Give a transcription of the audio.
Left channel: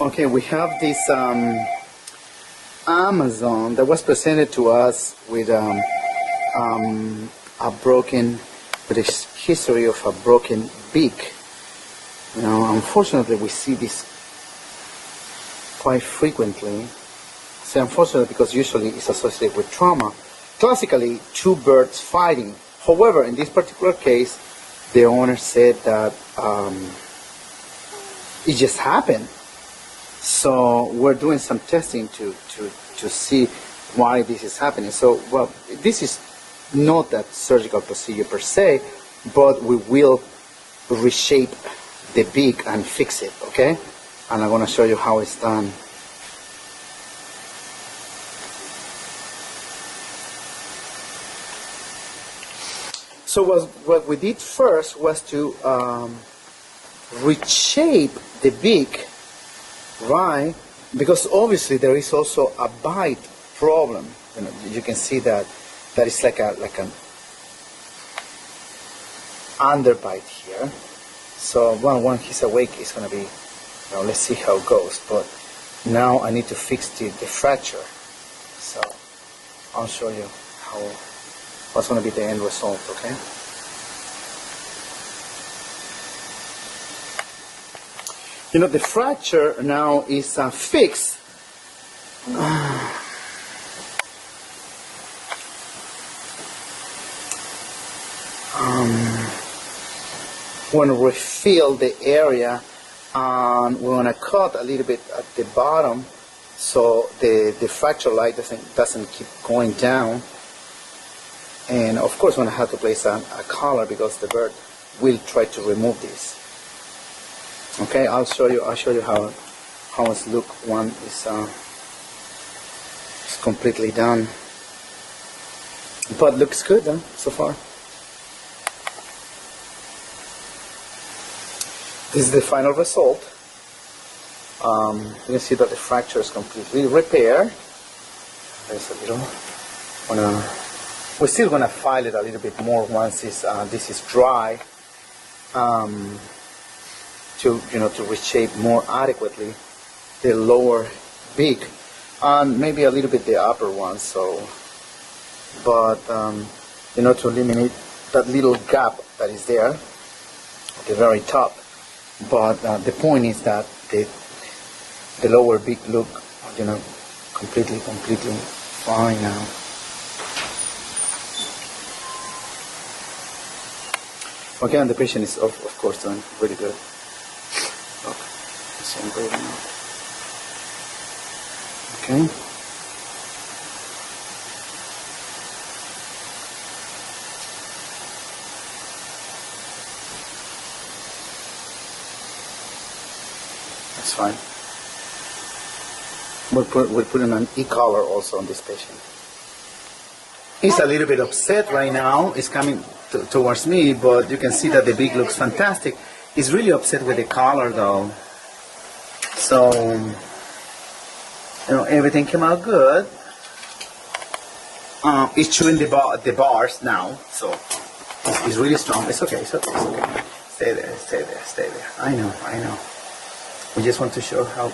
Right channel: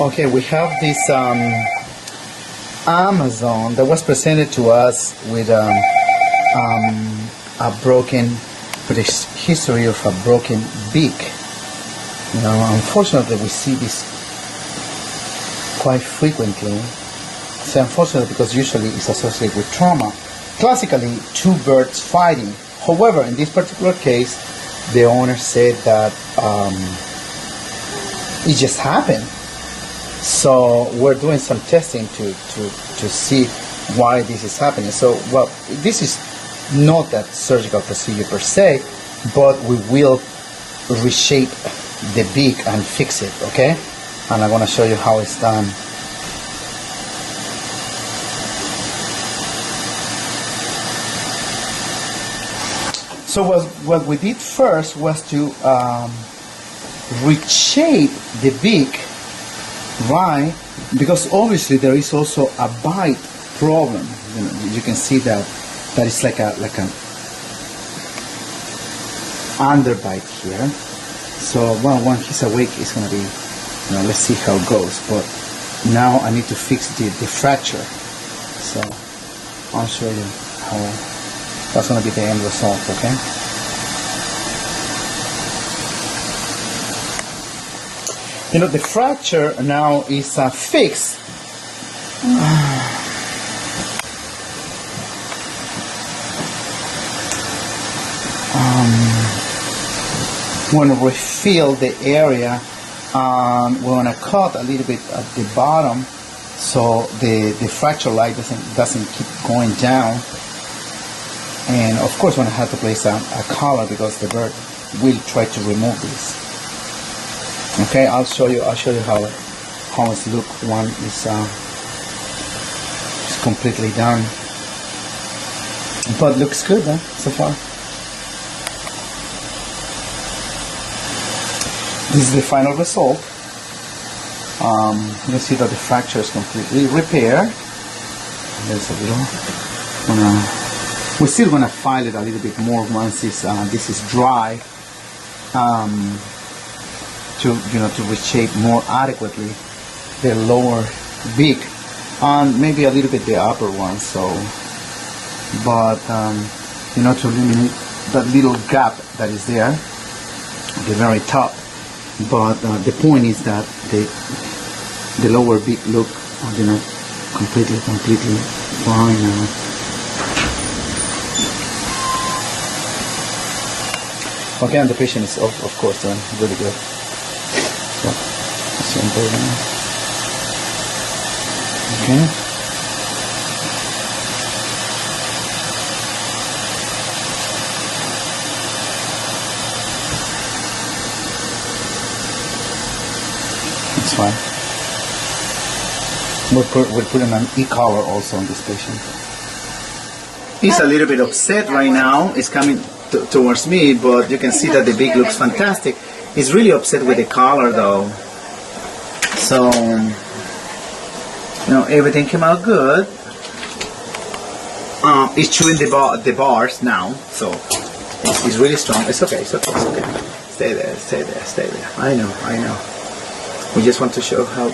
Okay, we have this Amazon that was presented to us with a broken, with a history of a broken beak. Now, unfortunately, we see this quite frequently. I say unfortunately because usually it's associated with trauma. Classically, two birds fighting. However, in this particular case, the owner said that it just happened. So we're doing some testing to see why this is happening. So, well, this is not that surgical procedure per se, but we will reshape the beak and fix it, okay? And I'm going to show you how it's done. So what we did first was to reshape the beak, right? Because obviously there is also a bite problem. You can see that it's like a underbite here. So when he's awake, it's gonna be, let's see how it goes. But now I need to fix the fracture. So I'll show you what's gonna be the end result, okay? The fracture now is fixed. When we fill the area, we want to cut a little bit at the bottom so the fracture line doesn't keep going down. And of course, when I have to place a collar because the bird will try to remove this. Okay, I'll show you how it's look when it's completely done. But looks good, huh, so far. This is the final result. You'll see that the fracture is completely repaired. There's a little. We're still gonna file it a little bit more once this is dry. To reshape more adequately the lower beak and maybe a little bit the upper one. So, but to eliminate that little gap that is there, the very top. But the point is that the lower beak look, completely fine now. Okay, and the patient is of course done really good. So, okay. That's fine. We're putting an e-collar also on this patient. He's a little bit upset right now. It's coming towards me, but you can see that the beak looks fantastic. He's really upset with the collar though. So, everything came out good. He's chewing the bars now, so he's really strong. It's okay. Stay there. I know. We just want to show how